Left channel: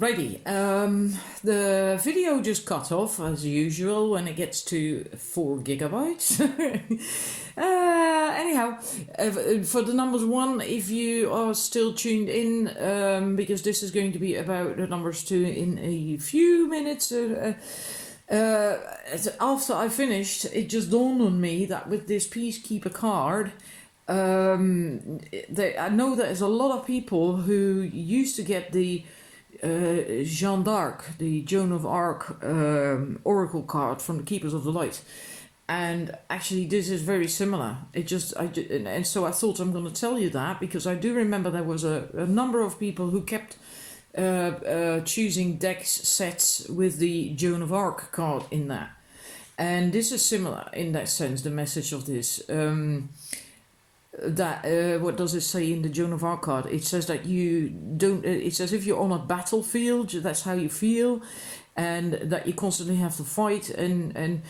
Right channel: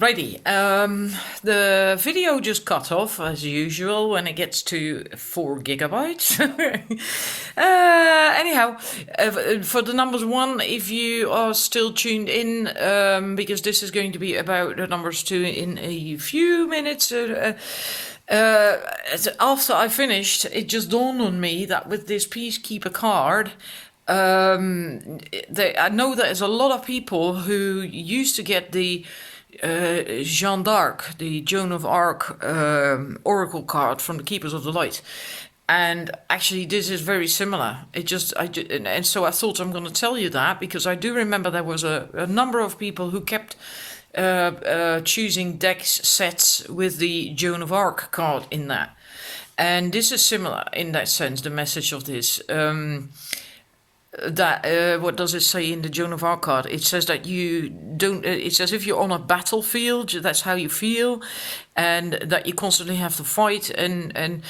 Righty, the video just cut off as usual when it gets to 4 gigabytes. Anyhow, for the numbers 1, if you are still tuned in, because this is going to be about the numbers 2 in a few minutes. After I finished, it just dawned on me that with this Peacekeeper card, I know there's a lot of people who used to get the Jeanne d'Arc, the Joan of Arc oracle card from the Keepers of the Light, and actually this is very similar. And so I thought I'm going to tell you that because I do remember there was a number of people who kept choosing decks sets with the Joan of Arc card in that, and this is similar in that sense. The message of this. What does it say in the Joan of Arc card? It says that you don't. It's as if you're on a battlefield. That's how you feel, and that you constantly have to fight and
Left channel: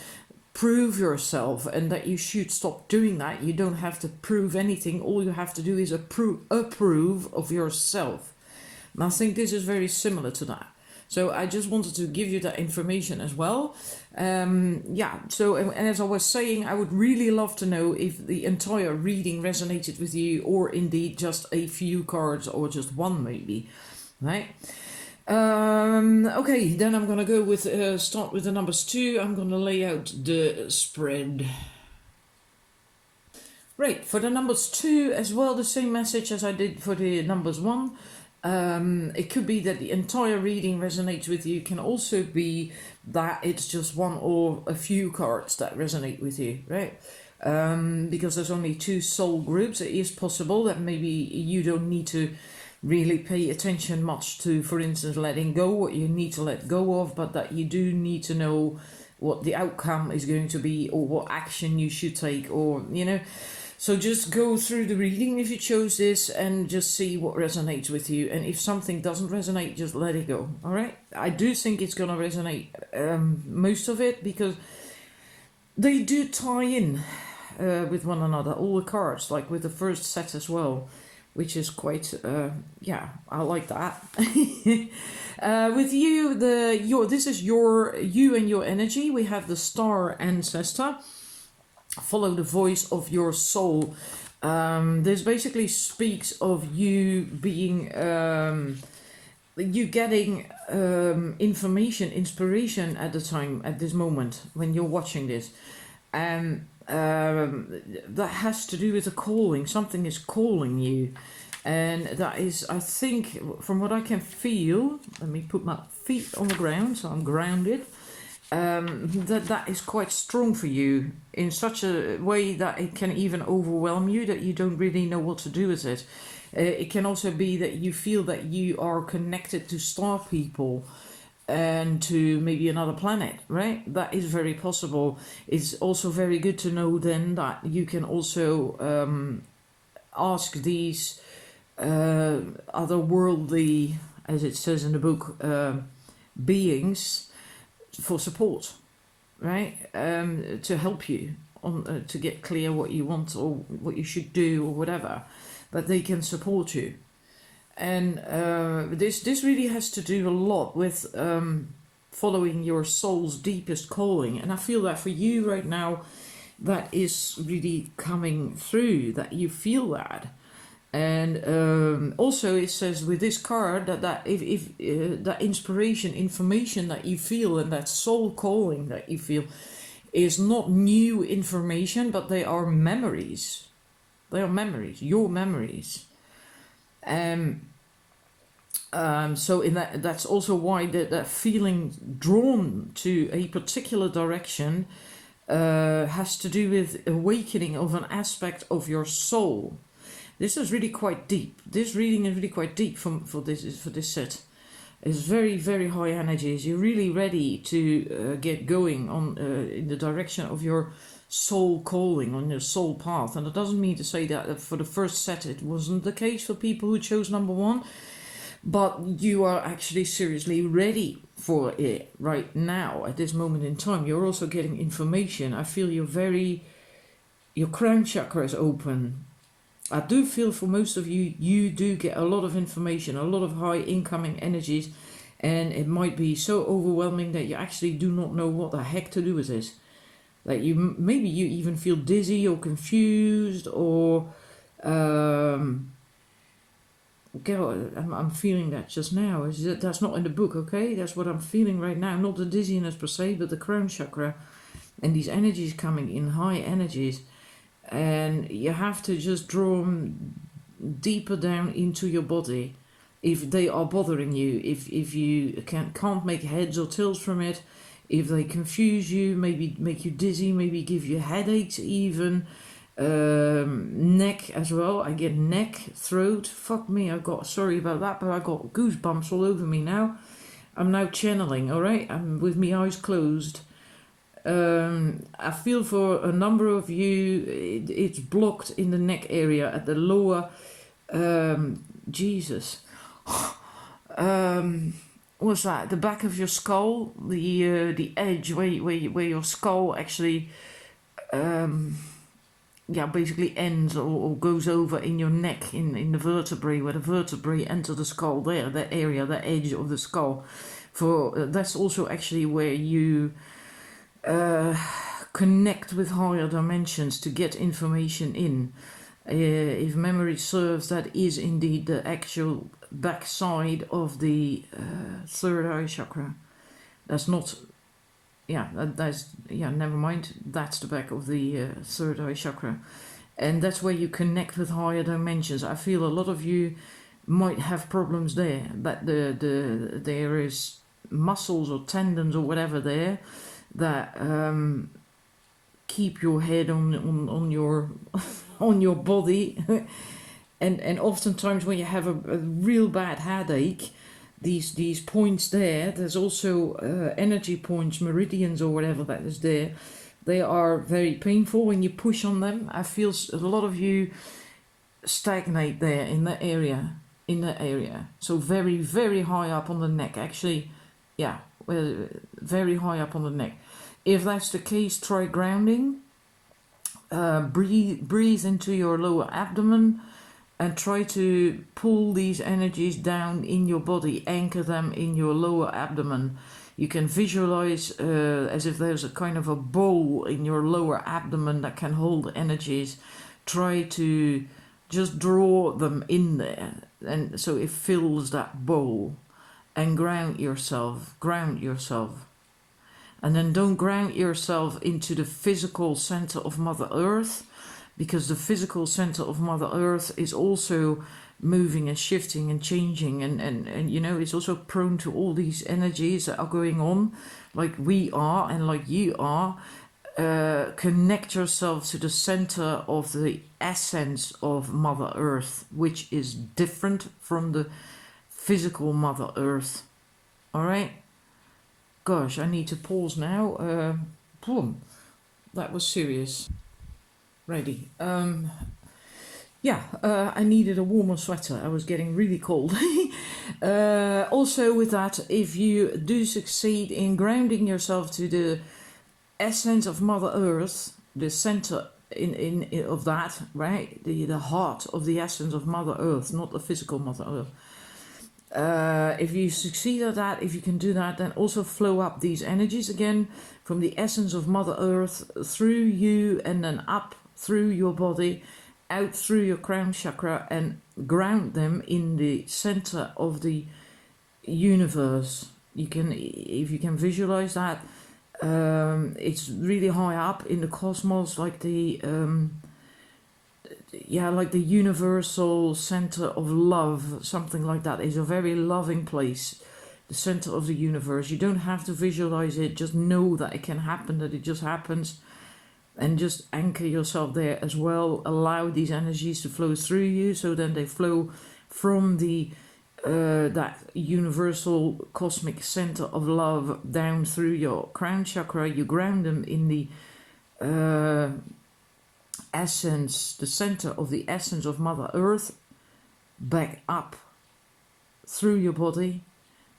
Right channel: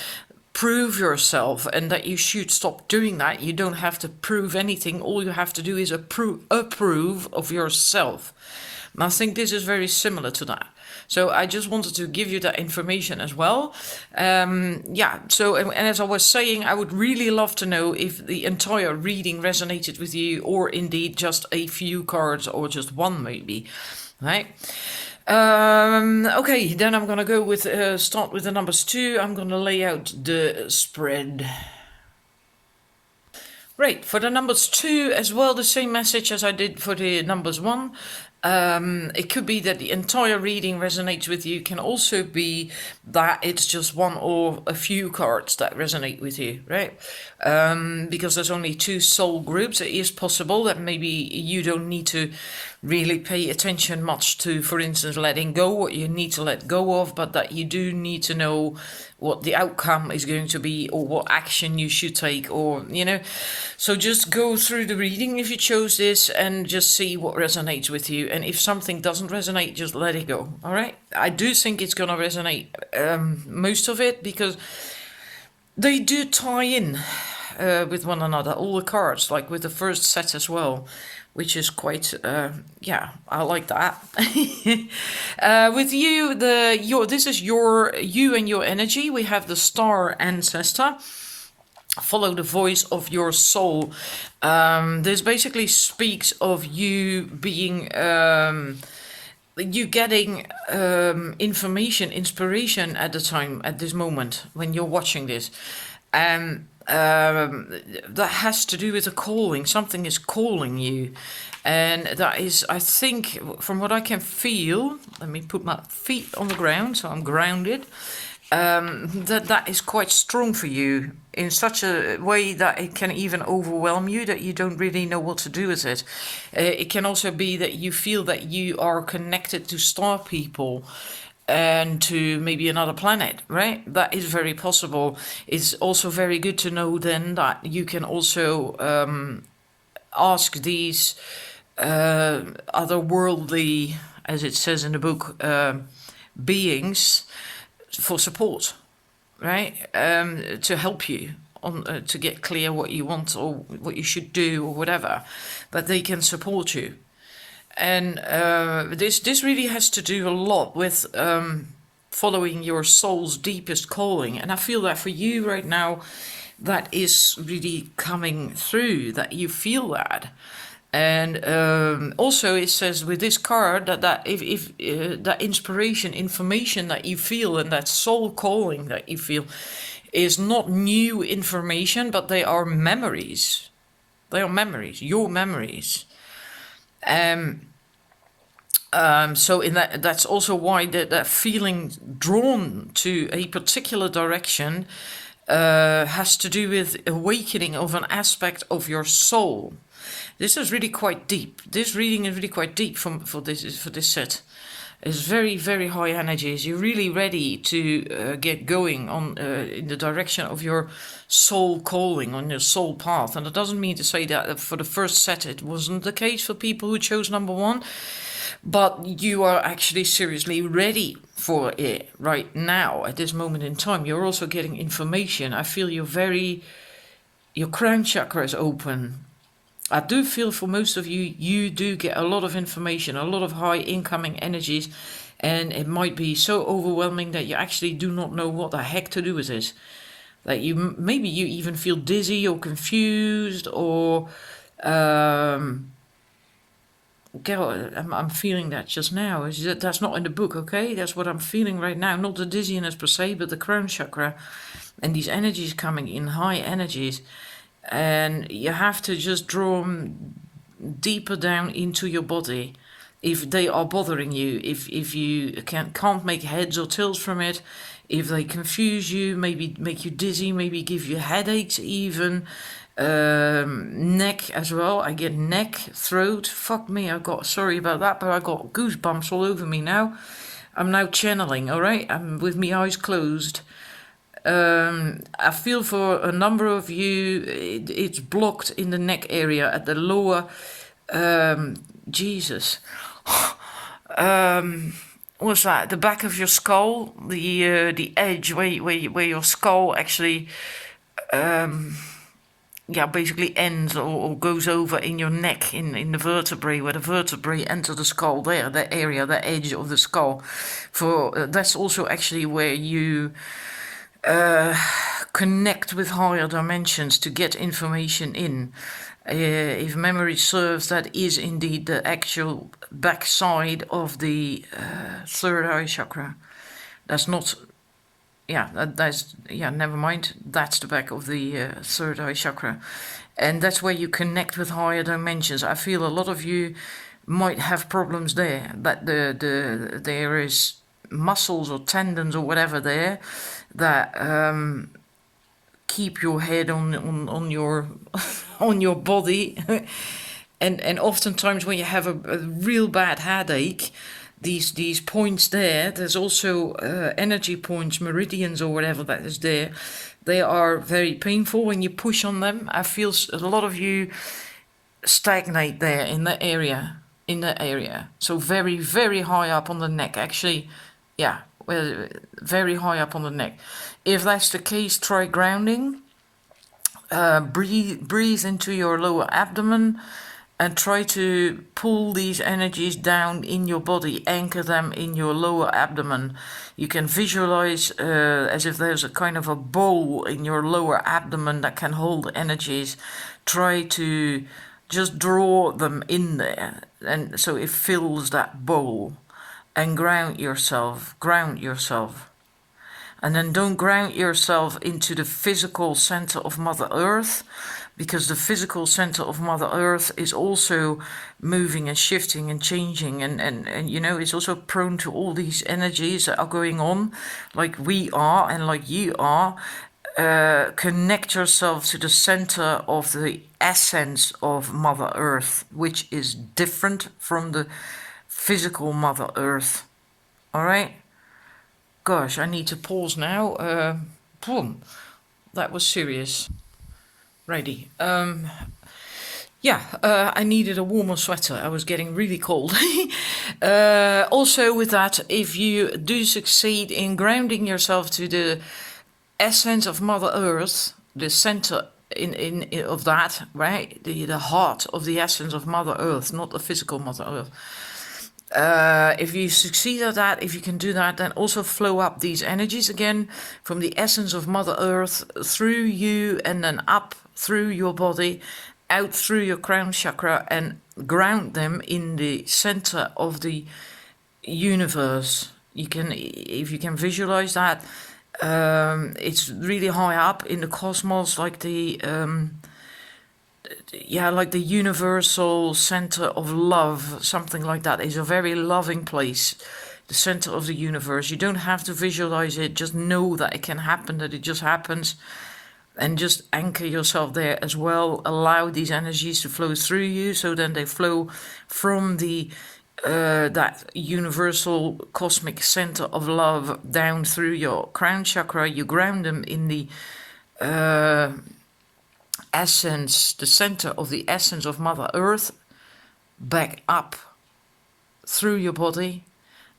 prove yourself, and that you should stop doing that. You don't have to prove anything. All you have to do is approve of yourself. And I think this is very similar to that. So I just wanted to give you that information as well. So and as I was saying, I would really love to know if the entire reading resonated with you, or indeed just a few cards, or just one maybe, right? Okay, then I'm gonna go with start with the numbers 2. I'm gonna lay out the spread. Right, for the numbers 2 as well, the same message as I did for the numbers 1. It could be that the entire reading resonates with you. It can also be that it's just one or a few cards that resonate with you, right? Because there's only 2 soul groups. It is possible that maybe you don't need to really pay attention much to, for instance, letting go what you need to let go of, but that you do need to know what the outcome is going to be, or what action you should take, or, you know. So just go through the reading if you chose this and just see what resonates with you. And if something doesn't resonate, just let it go, all right? I do think it's going to resonate, most of it, because they do tie in with one another, all the cards, like with the first set as well, which is quite, I like that. With you, this is you and your energy. We have the Star Ancestor. Follow the voice of your soul. This basically speaks of you being, you getting information, inspiration at the time, at this moment when you're watching this. That has to do with a calling. Something is calling you, and that is, I think, from what I can feel, let me put my feet on the ground so I'm grounded, that is quite strong for you in such a way that it can even overwhelm you, that you don't really know what to do with it. It can also be that you feel that you are connected to star people and to maybe another planet, right? That is very possible. It's also very good to know then that you can also ask these otherworldly, as it says in the book, beings for support, right? To help you on to get clear what you want or what you should do or whatever, that they can support you. And this really has to do a lot with following your soul's deepest calling. And I feel that for you right now, that is really coming through, that you feel that. And also it says with this card that if that inspiration, information that you feel, and that soul calling that you feel is not new information, but they are memories. They are memories, your memories. So in that's also why that feeling drawn to a particular direction has to do with awakening of an aspect of your soul. This is really quite deep. This reading is really quite deep for this set. It's very, very high energies. You're really ready to get going on in the direction of your soul calling, on your soul path. And it doesn't mean to say that for the first set it wasn't the case for people who chose number 1. But you are actually seriously ready for it right now, at this moment in time. You're also getting information. I feel your crown chakra is open. I do feel for most of you, you do get a lot of information, a lot of high incoming energies, and it might be so overwhelming that you actually do not know what the heck to do with this. Like maybe you even feel dizzy or confused, or I'm feeling that just now. That's not in the book, okay? That's what I'm feeling right now. Not the dizziness per se, but the crown chakra, and these energies coming in, high energies, and you have to just draw them deeper down into your body if they are bothering you, if you can't make heads or tails from it, if they confuse you, maybe make you dizzy, maybe give you headaches even, neck as well. I get neck, throat, fuck me, sorry about that, but I got goosebumps all over me now. I'm now channeling, all right? I'm with my eyes closed. I feel for a number of you, it's blocked in the neck area at the lower, Jesus. What's that? The back of your skull, the edge where your skull actually, basically ends or goes over in your neck, in the vertebrae, where the vertebrae enter the skull. There, that area, that edge of the skull. That's also actually where you connect with higher dimensions to get information in. If memory serves, that is indeed the actual backside of the third eye chakra. That's not, never mind. That's the back of the third eye chakra. And that's where you connect with higher dimensions. I feel a lot of you might have problems there, that there is muscles or tendons or whatever there that keep your head on your on your body, and oftentimes when you have a real bad headache, these points there's also energy points, meridians or whatever that is there. They are very painful when you push on them. I feel a lot of you stagnate there in that area. So very, very high up on the neck, actually. Very high up on the neck. If that's the case, try grounding. Breathe into your lower abdomen and try to pull these energies down in your body, anchor them in your lower abdomen. You can visualize as if there's a kind of a bowl in your lower abdomen that can hold energies. Try to just draw them in there, and so it fills that bowl. And ground yourself. And then don't ground yourself into the physical center of Mother Earth, because the physical center of Mother Earth is also moving and shifting and changing, and it's also prone to all these energies that are going on, like we are and like you are. Connect yourself to the center of the essence of Mother Earth, which is different from the physical Mother Earth. All right? Gosh, I need to pause now. Boom. That was serious. Righty. I needed a warmer sweater. I was getting really cold. Also with that, if you do succeed in grounding yourself to the essence of Mother Earth, the center in of that, right? The heart of the essence of Mother Earth, not the physical Mother Earth. If you succeed at that, if you can do that, then also flow up these energies again from the essence of Mother Earth through you, and then up through your body, out through your crown chakra, and ground them in the center of the universe. If you can visualize that, it's really high up in the cosmos, like the universal center of love, something like that. It's a very loving place, the center of the universe. You don't have to visualize it, just know that it can happen, that it just happens, and just anchor yourself there as well. Allow these energies to flow through you, so then they flow from the that universal cosmic center of love down through your crown chakra. You ground them in the essence, the center of the essence of Mother Earth, back up through your body,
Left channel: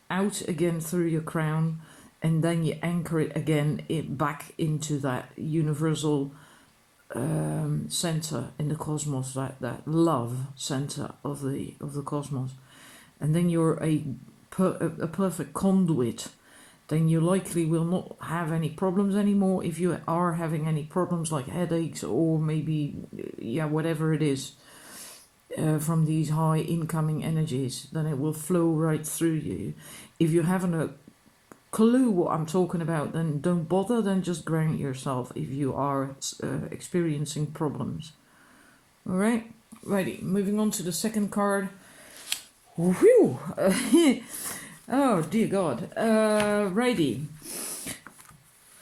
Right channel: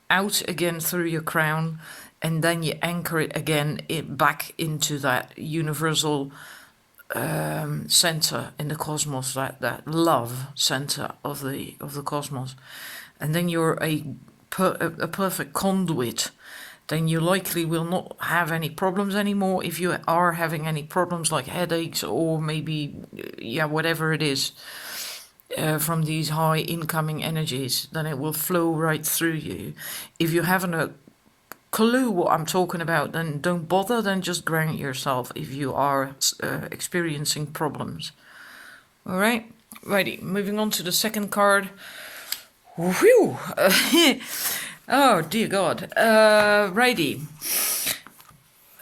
out again through your crown, and then you anchor it again back into that universal center in the cosmos, that love center of the cosmos. And then you're a a perfect conduit, then you likely will not have any problems anymore. If you are having any problems like headaches or maybe, whatever it is, from these high incoming energies, then it will flow right through you. If you haven't a clue what I'm talking about, then don't bother, then just ground yourself if you are experiencing problems. All right, righty, moving on to the second card. Whew. Oh dear God. Righty.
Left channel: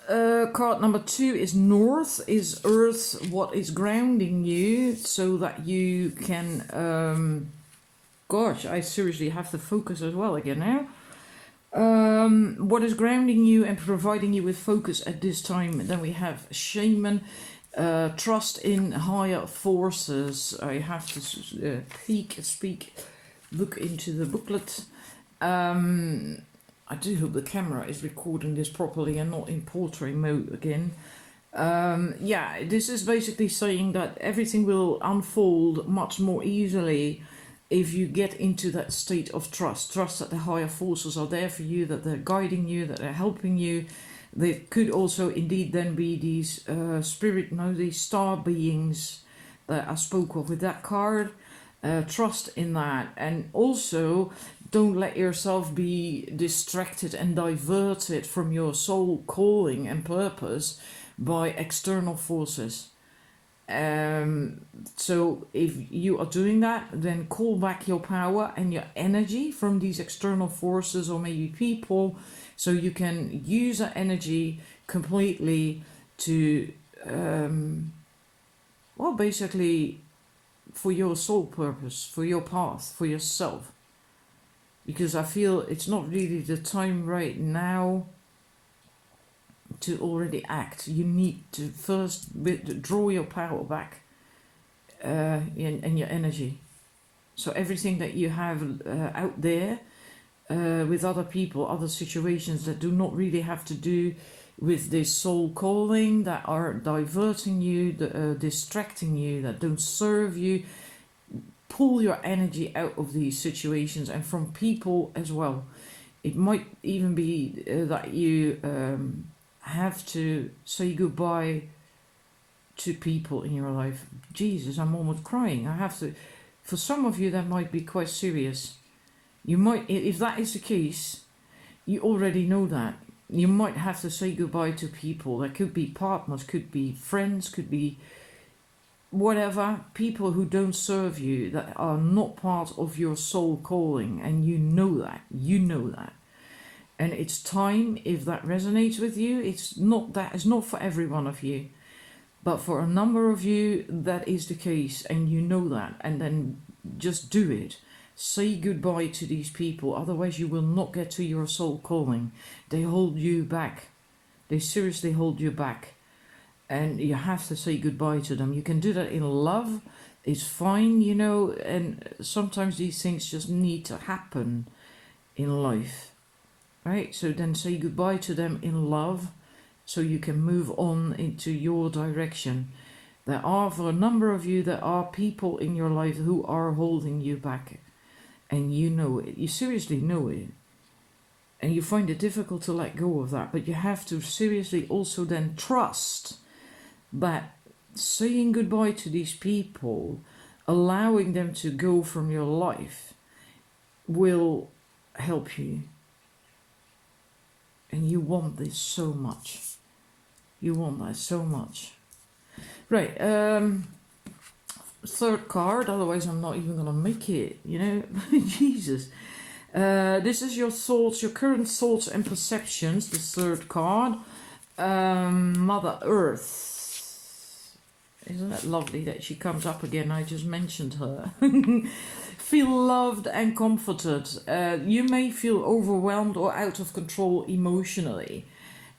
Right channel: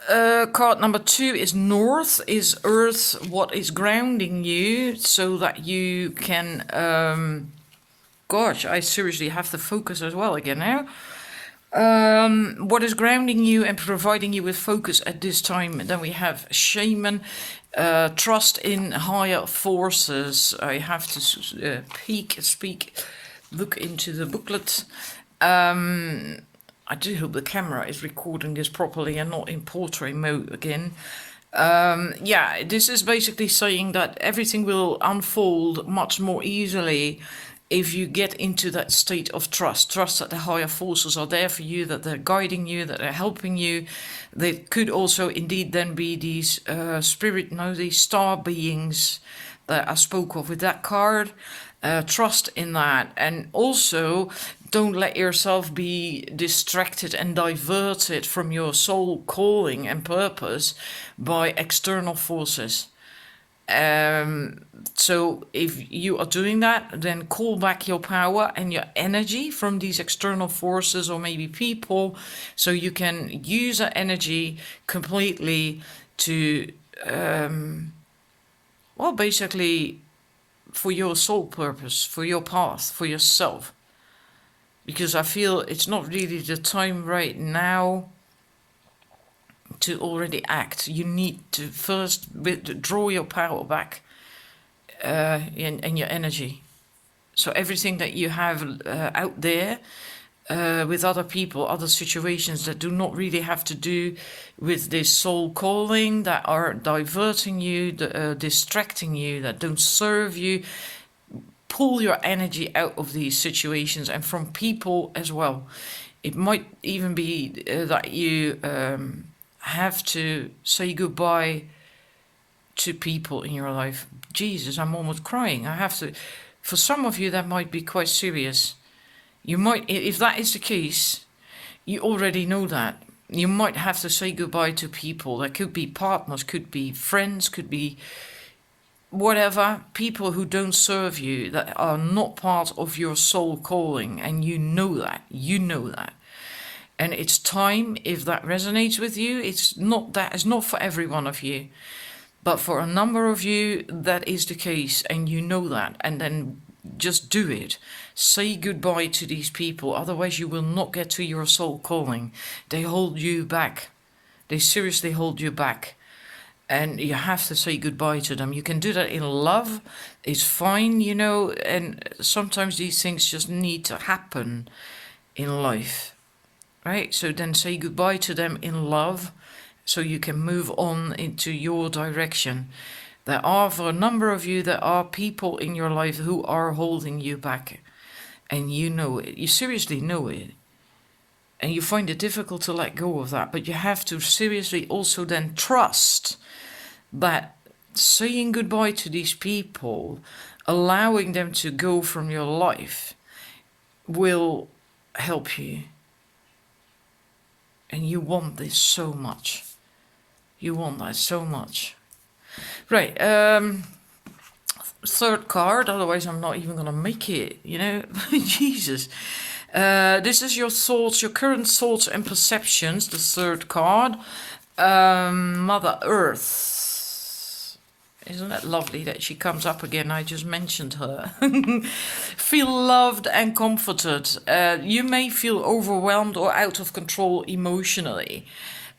Card number 2 is North, is Earth, what is grounding you so that you can... gosh, I seriously have to focus as well again now. What is grounding you and providing you with focus at this time? Then we have Shaman, trust in higher forces. I have to look into the booklet. I do hope the camera is recording this properly and not in portrait mode again. This is basically saying that everything will unfold much more easily if you get into that state of trust that the higher forces are there for you, that they're guiding you, that they're helping you. They could also indeed then be these these star beings that I spoke of with that card. Trust in that, and also don't let yourself be distracted and diverted from your soul calling and purpose by external forces. So if you are doing that, then call back your power and your energy from these external forces or maybe people, so you can use that energy completely to basically for your soul purpose, for your path, for yourself. Because I feel it's not really the time right now to already act. You need to first draw your power back and your energy. So everything that you have out there with other people, other situations that do not really have to do with this soul calling, that are diverting you, distracting you, that don't serve you, pull your energy out of these situations and from people as well. It might even be that you have to say goodbye to people in your life. Jesus, I'm almost crying. I have to. For some of you, that might be quite serious. You might, if that is the case, you already know that. You might have to say goodbye to people. That could be partners, could be friends, could be whatever, people who don't serve you, that are not part of your soul calling, and you know that. And it's time, if that resonates with you, that is not for every one of you. But for a number of you, that is the case, and you know that. And then just do it. Say goodbye to these people, otherwise you will not get to your soul calling. They hold you back. They seriously hold you back. And you have to say goodbye to them. You can do that in love. It's fine, and sometimes these things just need to happen in life. Right? So then say goodbye to them in love, so you can move on into your direction. There are, for a number of you, there are people in your life who are holding you back. And you know it. You seriously know it. And you find it difficult to let go of that. But you have to seriously also then trust that saying goodbye to these people, allowing them to go from your life, will help you. And you want this so much. You want that so much. Right, third card, otherwise I'm not even going to make it, Jesus. This is your thoughts, your current thoughts and perceptions, the third card. Mother Earth. Isn't it lovely that she comes up again? I just mentioned her. Feel loved and comforted. You may feel overwhelmed or out of control emotionally.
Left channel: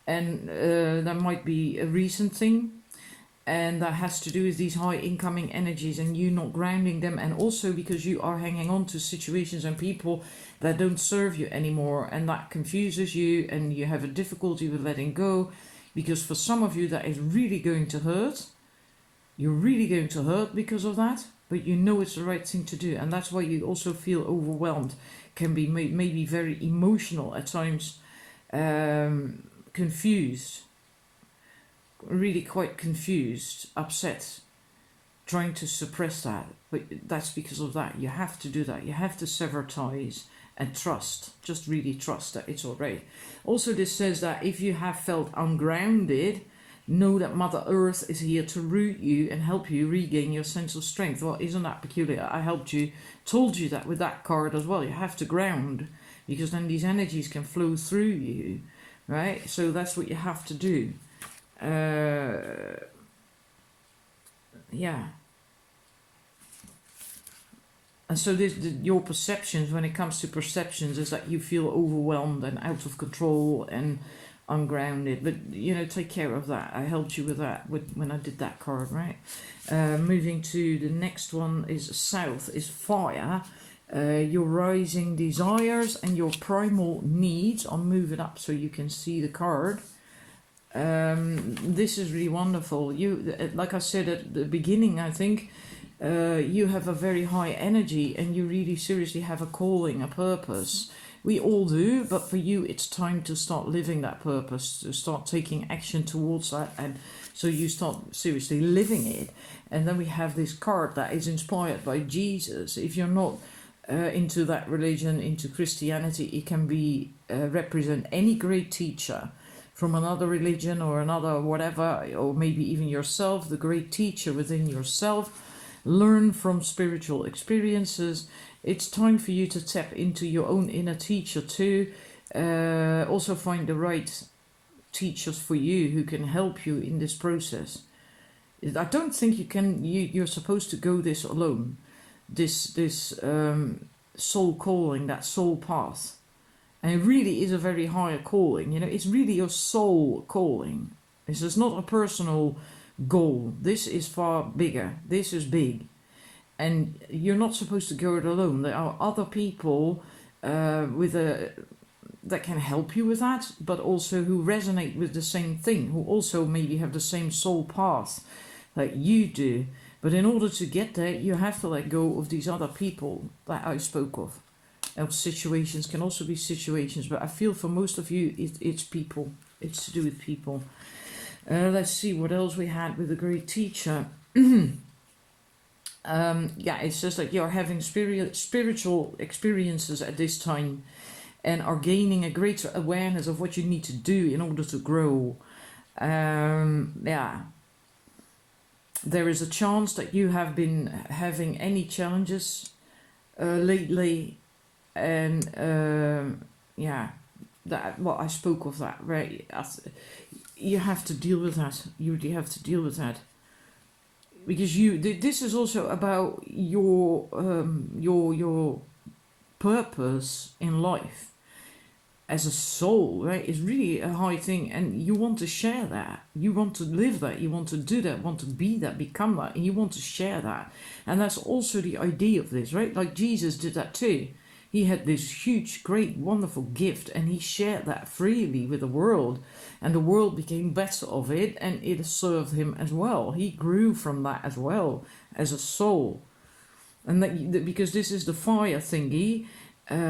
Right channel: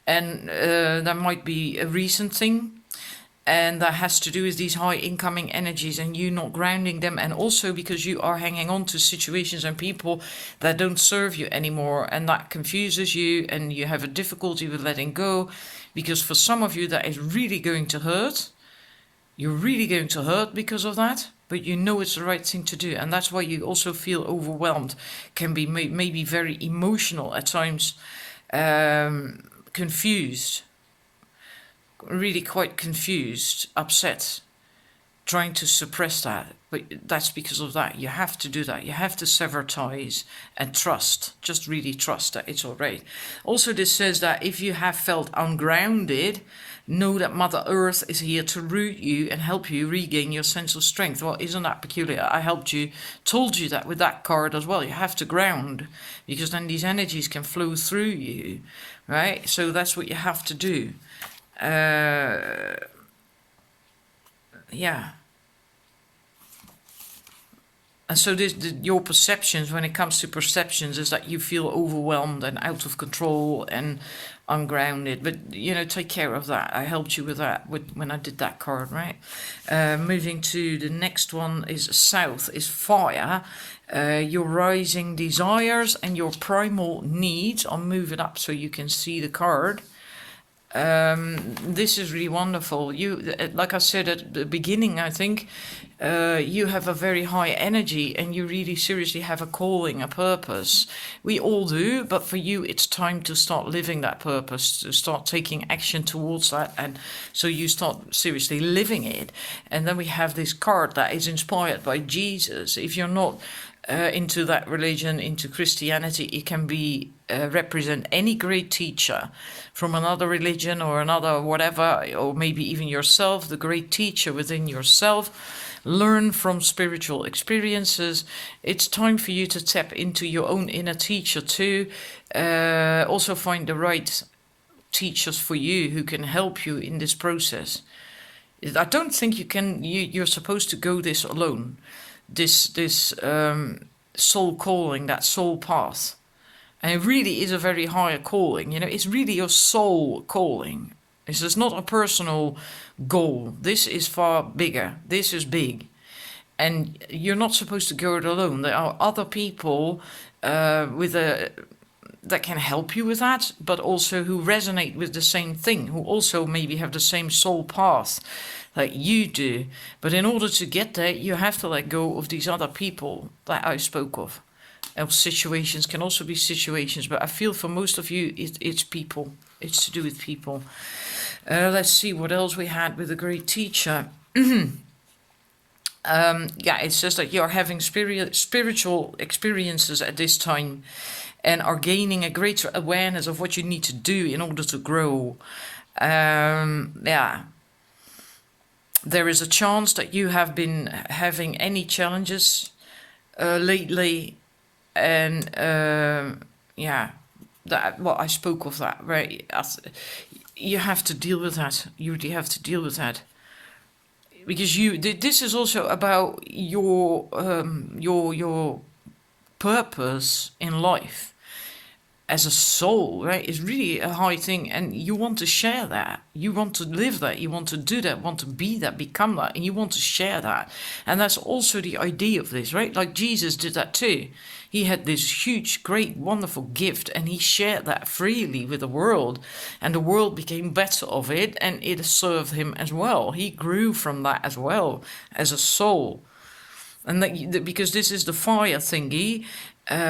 And that might be a recent thing. And that has to do with these high incoming energies and you not grounding them. And also because you are hanging on to situations and people that don't serve you anymore. And that confuses you and you have a difficulty with letting go. Because for some of you that is really going to hurt. You're really going to hurt because of that. but you know it's the right thing to do, and that's why you also feel overwhelmed, can be maybe very emotional at times, confused, really quite confused, upset, trying to suppress that. But that's because of that. You have to do that. You have to sever ties and trust. Just really trust that it's all right. Also, this says that if you have felt ungrounded, know that Mother Earth is here to root you and help you regain your sense of strength. Well, isn't that peculiar? I told you that with that card as well. You have to ground, because then these energies can flow through you, right? So that's what you have to do. Yeah. And so your perceptions, when it comes to perceptions, is that you feel overwhelmed and out of control and ungrounded. But, take care of that. I helped you with that when I did that card, right? Moving to the next one is South, is fire. Your rising desires and your primal needs. I'll move it up so you can see the card. This is really wonderful. You, like I said at the beginning, I think you have a very high energy and you really seriously have a calling, a purpose. We all do, but for you it's time to start living that purpose, to start taking action towards that, and so you start seriously living it. And then we have this card that is inspired by Jesus. If you're not into that religion, into Christianity, it can be represent any great teacher from another religion or another whatever, or maybe even yourself, the great teacher within yourself. Learn from spiritual experiences. It's time for you to tap into your own inner teacher too. Also find the right teachers for you who can help you in this process. I don't think you're supposed to go this alone. This soul calling, that soul path. And it really is a very high calling. It's really your soul calling. This is not a personal goal. This is far bigger. This is big. And you're not supposed to go it alone. There are other people that can help you with that, but also who resonate with the same thing, who also maybe have the same soul path like you do. But in order to get there, you have to let go of these other people that I spoke of. And situations can also be situations, but I feel for most of you, it's people. It's to do with people. Let's see what else we had with a great teacher. It says that you're having spiritual experiences at this time and are gaining a greater awareness of what you need to do in order to grow. There is a chance that you have been having any challenges lately, and I spoke of that, right? You have to deal with that. You really have to deal with that, because this is also about your purpose in life as a soul, right? It's really a high thing, and you want to share that. You want to live that. You want to do that. Want to be that. Become that. And you want to share that. And that's also the idea of this, right? Like Jesus did that too. He had this huge, great, wonderful gift, and he shared that freely with the world, and the world became better of it, and it served him as well. He grew from that as well as a soul. And because this is the fire thingy,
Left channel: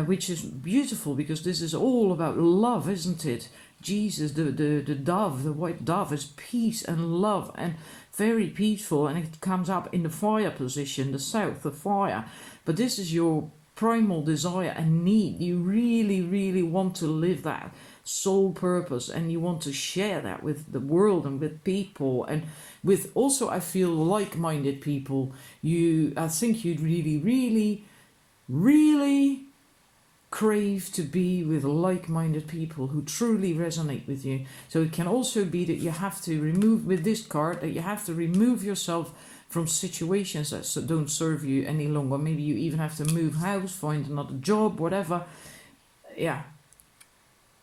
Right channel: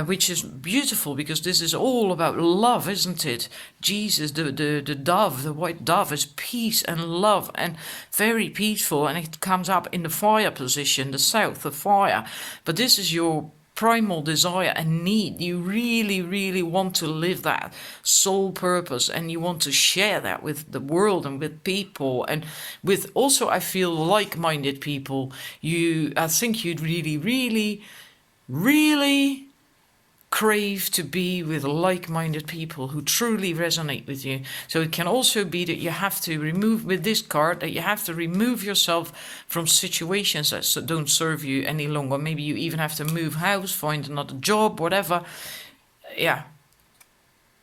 which is beautiful, because this is all about love, isn't it? Jesus, the dove, the white dove, is peace and love and very peaceful, and it comes up in the fire position, the south, the fire. But this is your primal desire and need. You really, really want to live that soul purpose, and you want to share that with the world and with people, and with also, I feel, like-minded people. I think you'd really, really, really crave to be with like-minded people who truly resonate with you. So it can also be that you have to remove, with this card, that you have to remove yourself from situations that don't serve you any longer. Maybe you even have to move house, find another job, whatever. Yeah,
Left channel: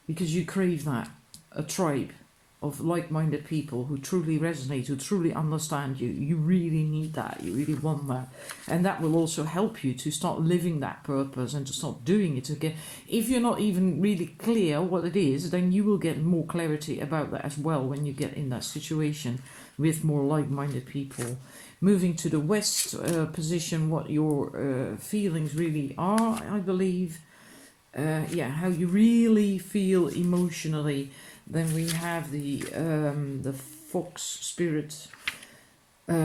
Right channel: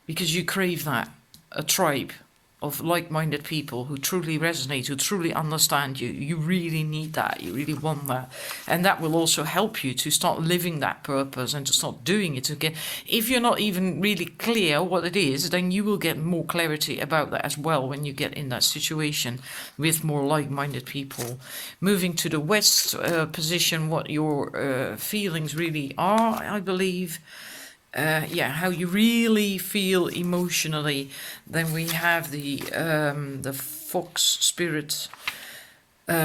because you crave that, a tribe. of like-minded people who truly resonate, who truly understand you. You really need that. You really want that. And that will also help you to start living that purpose and to start doing it again. If you're not even really clear what it is, then you will get more clarity about that as well when you get in that situation with more like-minded people. Moving to the west position, what your feelings really are, I believe. How you really feel emotionally. Then we have the fox spirit.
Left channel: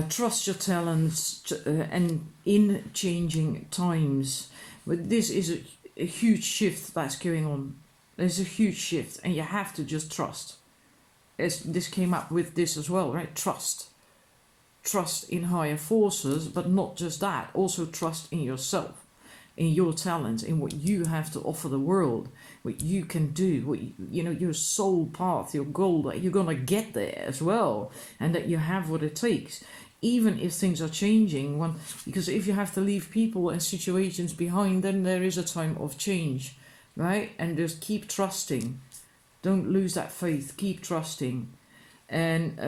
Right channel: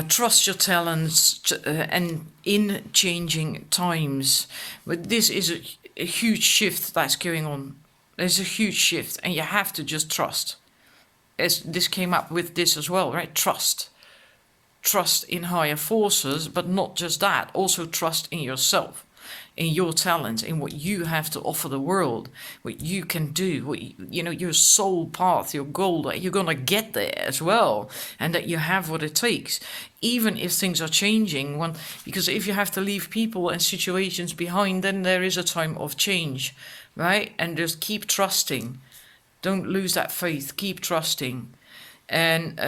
Trust your talents and in changing times. But this is a huge shift that's going on. There's a huge shift, and you have to just trust. As this came up with this as well, right? Trust in higher forces, but not just that. Also trust in yourself, in your talents, in what you have to offer the world, what you can do, what your soul path, your goal, that you're gonna get there as well, and that you have what it takes, even if things are changing. Because if you have to leave people and situations behind, then there is a time of change, right? And just keep trusting. Don't lose that faith. Keep trusting, and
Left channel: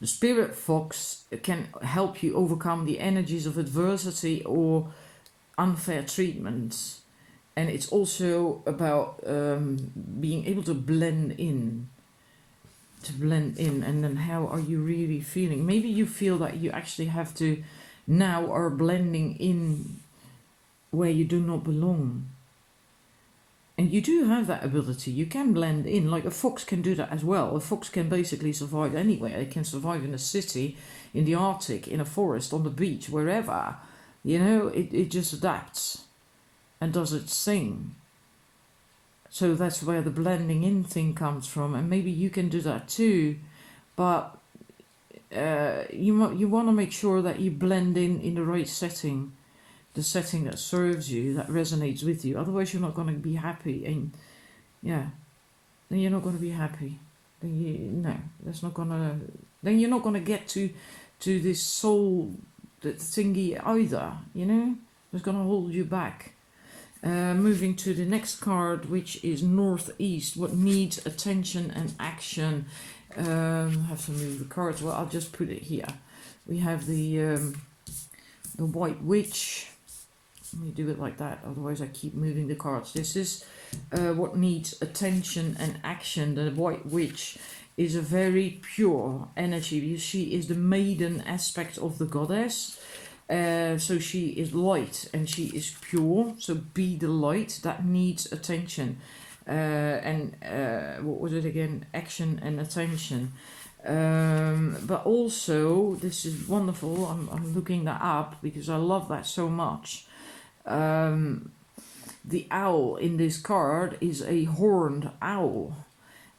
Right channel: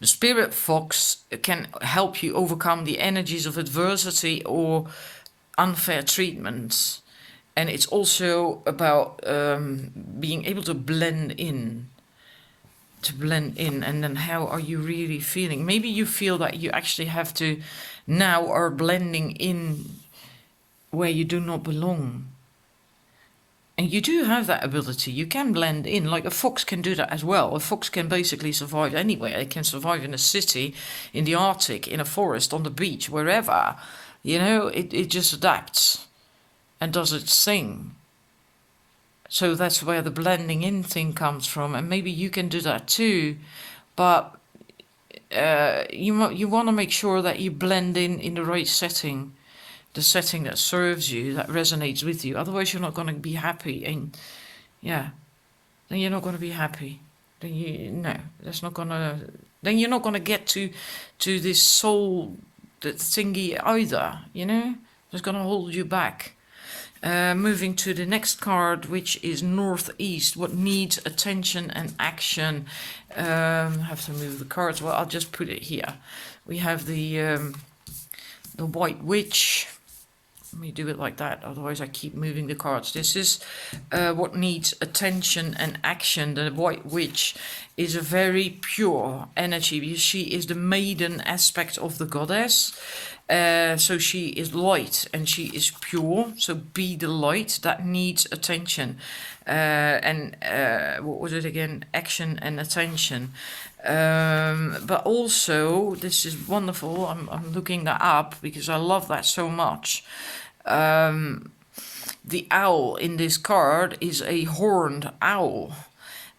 the spirit fox can help you overcome the energies of adversity or unfair treatments. And it's also about being able to blend in. And then how are you really feeling? Maybe you feel that you actually have to now are blending in where you do not belong. And you do have that ability. You can blend in, like a fox can do that as well. A fox can basically survive anywhere. It can survive in a city, in the Arctic, in a forest, on the beach, wherever. It just adapts and does its thing. So that's where the blending in thing comes from. And maybe you can do that too. But you want to make sure that you blend in the right setting. The setting that serves you, that resonates with you. Otherwise, you're not going to be happy, and then you're not going to be happy. Then you're not going to get to this soul thingy either. It's going to hold you back. Moving to the next card, which is northeast. What needs attention and action? I have to move the cards. Well, I'll just put it here. We have the White Witch. Let me do it like that, otherwise I keep moving the cards. This is what needs attention and action. The White Witch is a very pure energy. She is the maiden aspect of the goddess. So she is light and she is pure. So be the light that needs attention. What was it again? Action and attention. But also, this is wonderful. I'm looking that up because I love that so much. The owl in this card is a horned owl,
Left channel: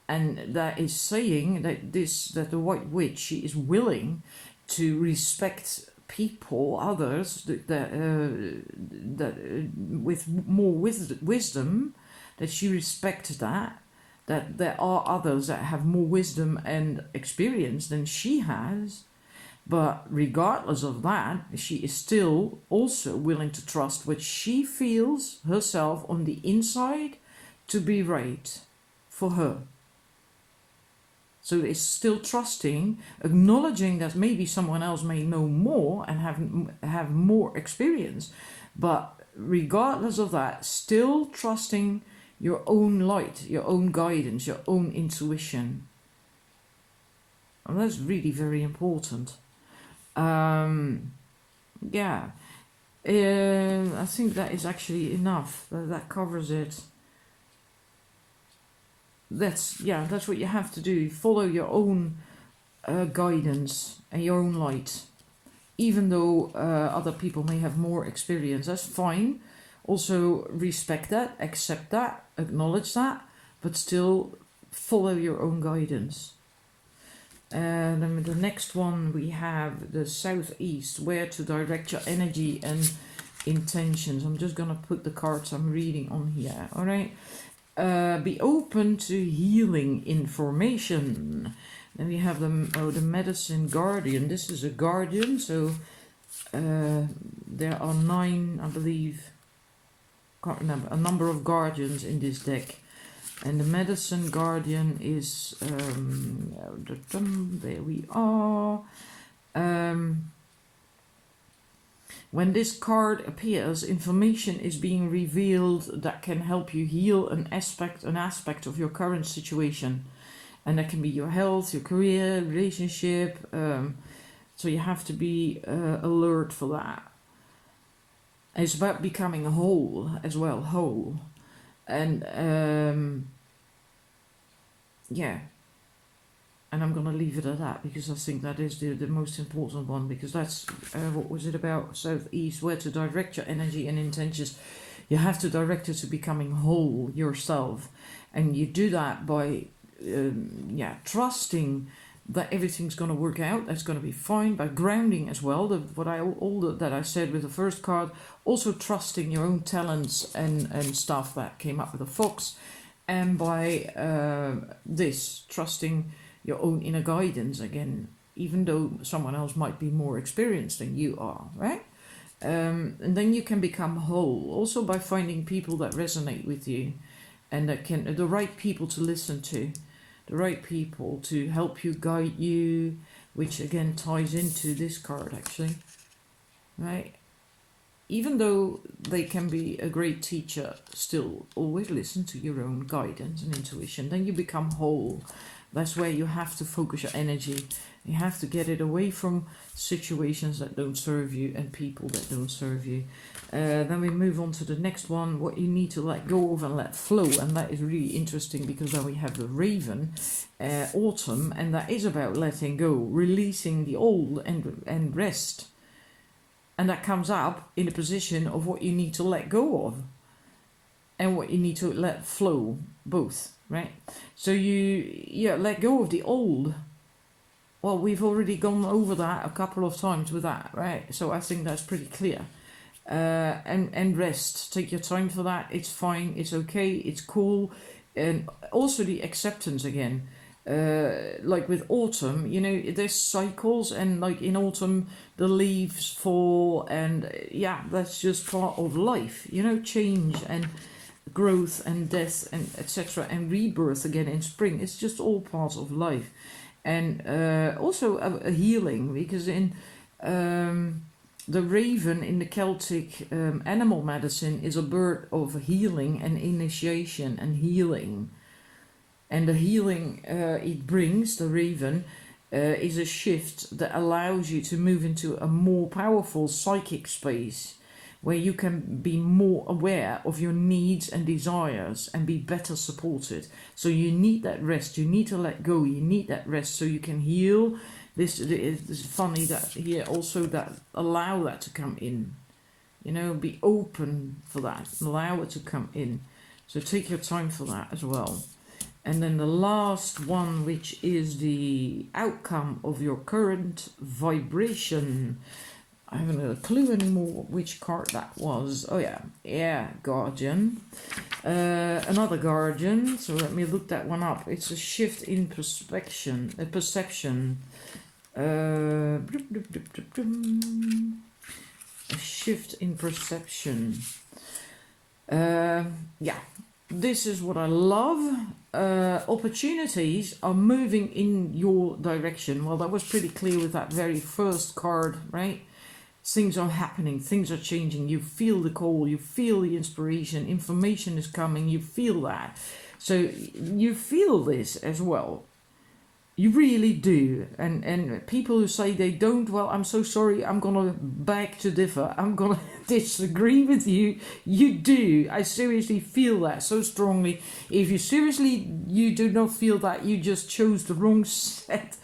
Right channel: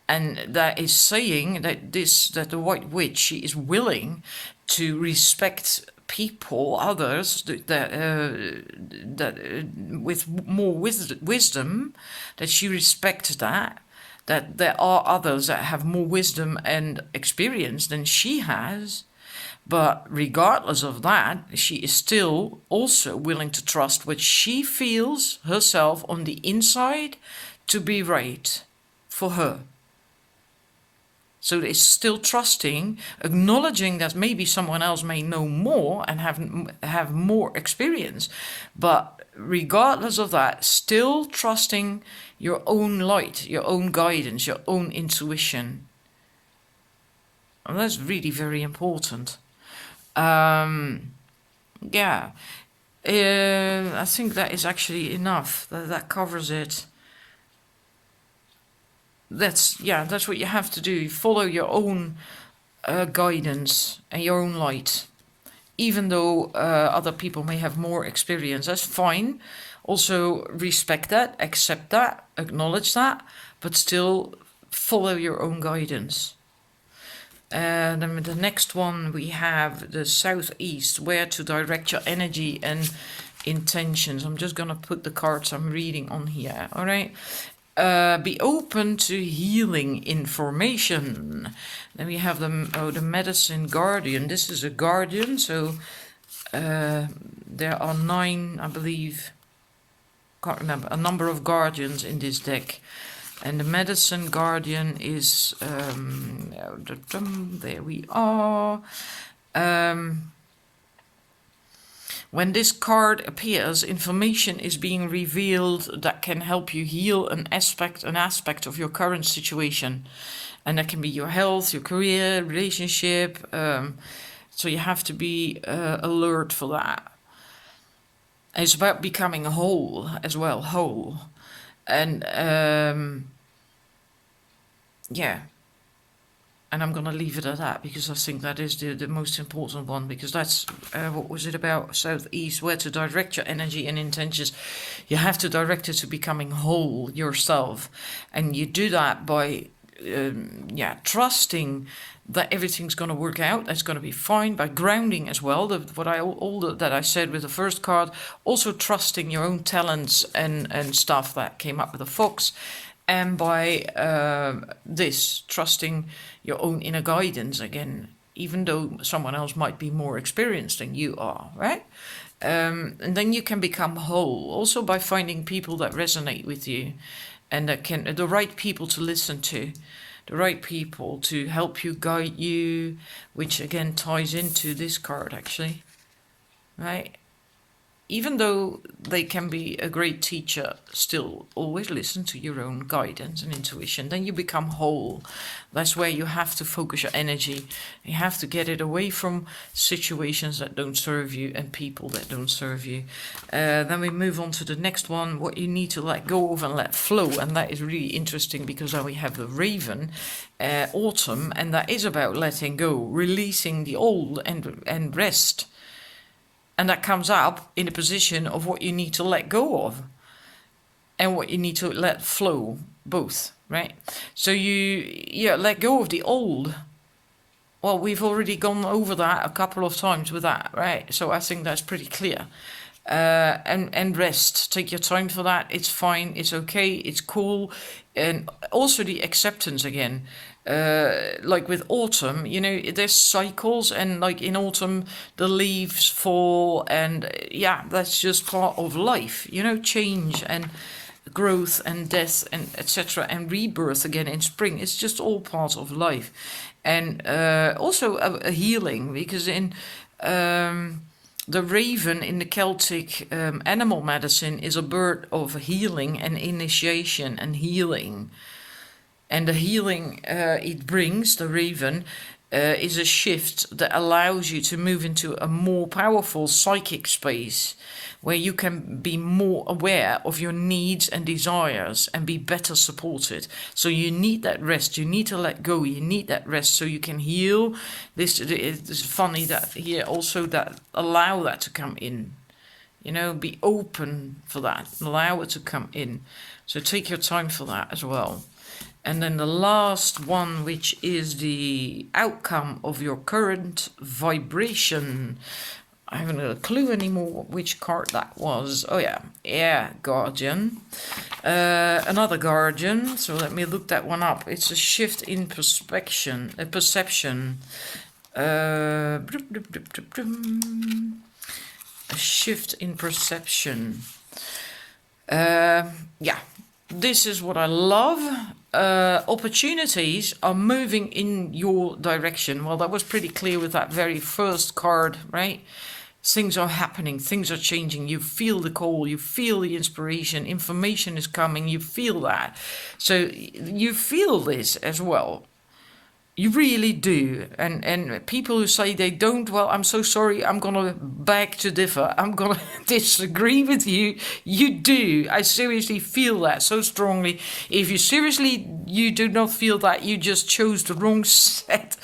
and that is saying that the White Witch, she is willing to respect people, others that with more wisdom, that she respects that there are others that have more wisdom and experience than she has. But regardless of that, she is still also willing to trust what she feels herself on the inside to be right for her. So it's still trusting, acknowledging that maybe someone else may know more and have more experience. But regardless of that, still trusting your own light, your own guidance, your own intuition. And that's really very important. I think that is actually enough. That covers it. That's what you have to do. Follow your own guidance and your own light. Even though other people may have more experience, that's fine. Also respect that, accept that, acknowledge that, but still follow your own guidance. And then the next one we have the southeast, where to direct your energy and intentions. I'm just going to put the cards I'm reading on here. All right. Be open to healing information. Then we have the medicine guardian. This is a guardian, so there are 9, I believe, can't remember, a number of guardians in this deck. And the medicine guardian is, there we are. When this card appears, information is being revealed that can help you heal an aspect of your current situation. And that can be your health, your career, relationship. So you have to be alert for that. And it's about becoming whole as well, whole. And yeah. And I'm going to leave it at that because I think that is the most important one, because that's, what was it about? Southeast, where to direct your energy and intentions. You have to direct it to becoming whole yourself. And you do that by, trusting that everything's going to work out, that's going to be fine, by grounding as well, that I said with the first card, also trusting your own talents and stuff that came up with the fox, and by trusting your own inner guidance again, even though someone else might be more experienced than you are, right? And then you can become whole, also by finding people that resonate with you, and that can, the right people to listen to, the right people to help you, guide you, which again ties into this card actually, right? Even though they can be a great teacher, still always listen to your own guidance and intuition. Then you become whole. That's where you have to focus your energy. You have to get it away from situations that don't serve you and people that don't serve you. Then we move on to the next one, what you need to let go of and let flow. And that is really interesting because now we have the Raven, Autumn, and that is about letting go, releasing the old and rest. And that comes up in the position of what you need to let go of and what you need to let flow, both, right? So you let go of the old. Well, we've already gone over that a couple of times with that, right? So I think that's pretty clear. And rest. Take your time for that. It's fine. It's okay. It's cool. And also the acceptance again. Like with autumn, there's cycles, and like in autumn the leaves fall, and that's just part of life, change and growth and death and etc. and rebirth again in spring. It's just all part of life. And also a healing, because in the raven in the Celtic animal medicine is a bird of healing and initiation and healing. And the healing it brings, the raven, is a shift that allows you to move into a more powerful psychic space where you can be more aware of your needs and desires and be better supported. So you need that rest. You need to let go. You need that rest so you can heal. This is funny that here also that allow that to come in. Be open for that. Allow it to come in. So take your time for that as well. And then the last one, which is the outcome of your current vibration. I haven't got a clue anymore which card that was. Oh yeah, Guardian. Another Guardian. So let me look that one up. It's a shift in perception. A shift in perception. This is what I love. Opportunities are moving in your direction. Well, that was pretty clear with that very first card, right? Things are happening, things are changing. You feel the call, you feel the inspiration, information is coming, you feel that. So you feel this as well. You really do. And people who say they don't, well, I'm so sorry, I'm going to beg to differ. I'm going to disagree with you. You do. I seriously feel that so strongly. If you do not feel that, you just chose the wrong set.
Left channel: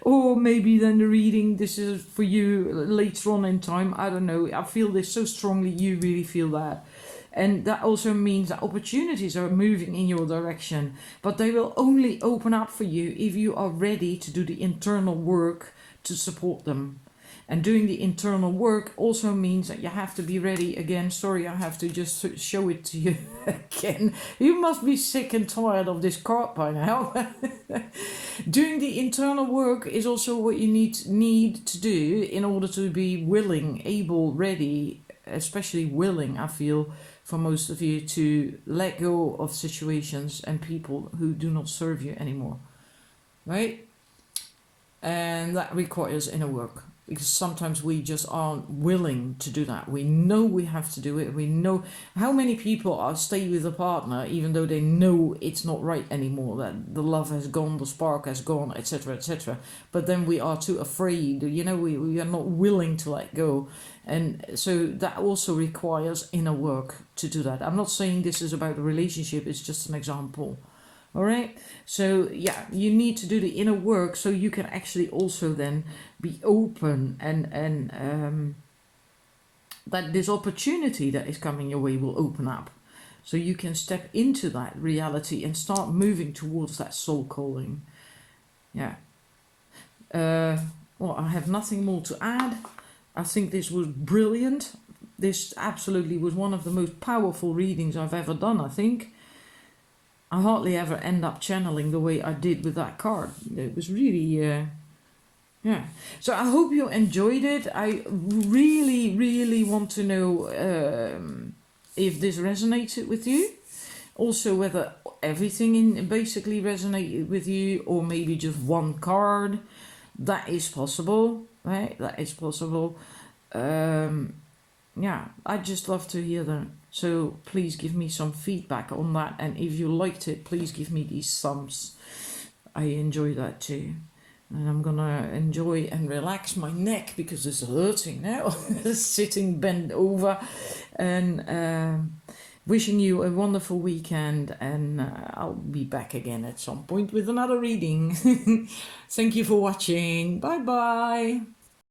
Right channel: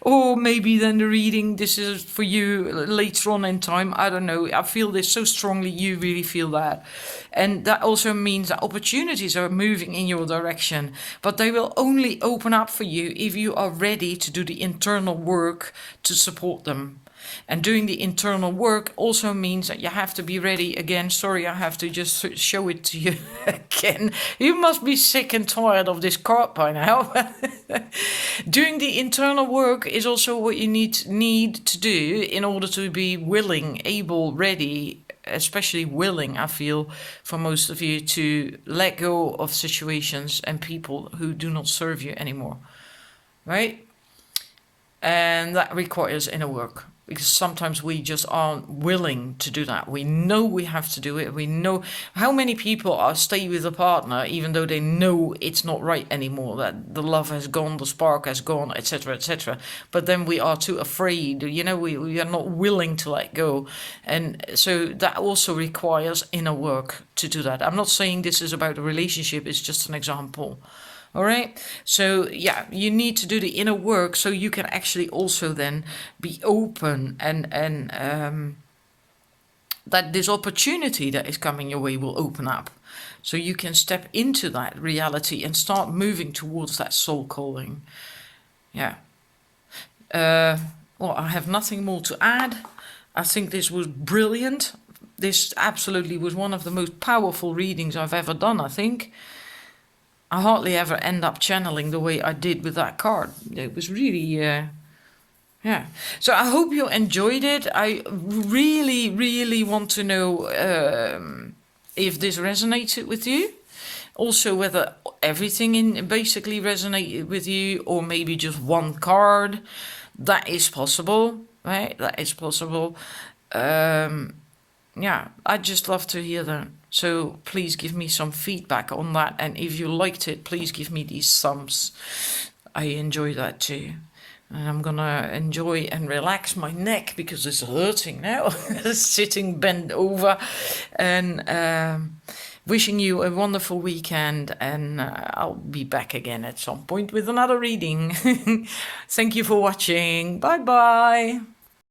Or maybe then the reading, this is for you later on in time. I don't know. I feel this so strongly, you really feel that. And that also means that opportunities are moving in your direction, but they will only open up for you if you are ready to do the internal work to support them. And doing the internal work also means that you have to be ready again. Sorry, I have to just show it to you again. You must be sick and tired of this card by now. Doing the internal work is also what you need to do in order to be willing, able, ready, especially willing, I feel, for most of you to let go of situations and people who do not serve you anymore, right? And that requires inner work, because sometimes we just aren't willing to do that. We know we have to do it. We know how many people are stay with a partner even though they know it's not right anymore, that the love has gone, the spark has gone, etc., etc. But then we are too afraid, we are not willing to let go. And so that also requires inner work to do that. I'm not saying this is about a relationship, it's just an example. All right. So yeah, you need to do the inner work so you can actually also then be open and that this opportunity that is coming your way will open up. So you can step into that reality and start moving towards that soul calling. Yeah. Well, I have nothing more to add. I think this was brilliant. This absolutely was one of the most powerful readings I've ever done, I think. I hardly ever end up channeling the way I did with that card. It was really, yeah. So I hope you enjoyed it. I really, really want to know if this resonated with you. Also, whether everything in basically resonated with you, or maybe just one card. That is possible, right? That is possible. Yeah, I'd just love to hear that. So please give me some feedback on that. And if you liked it, please give me these thumbs. I enjoy that too. And I'm going to enjoy and relax my neck because it's hurting now. Sitting bent over. And wishing you a wonderful weekend. And I'll be back again at some point with another reading. Thank you for watching. Bye-bye.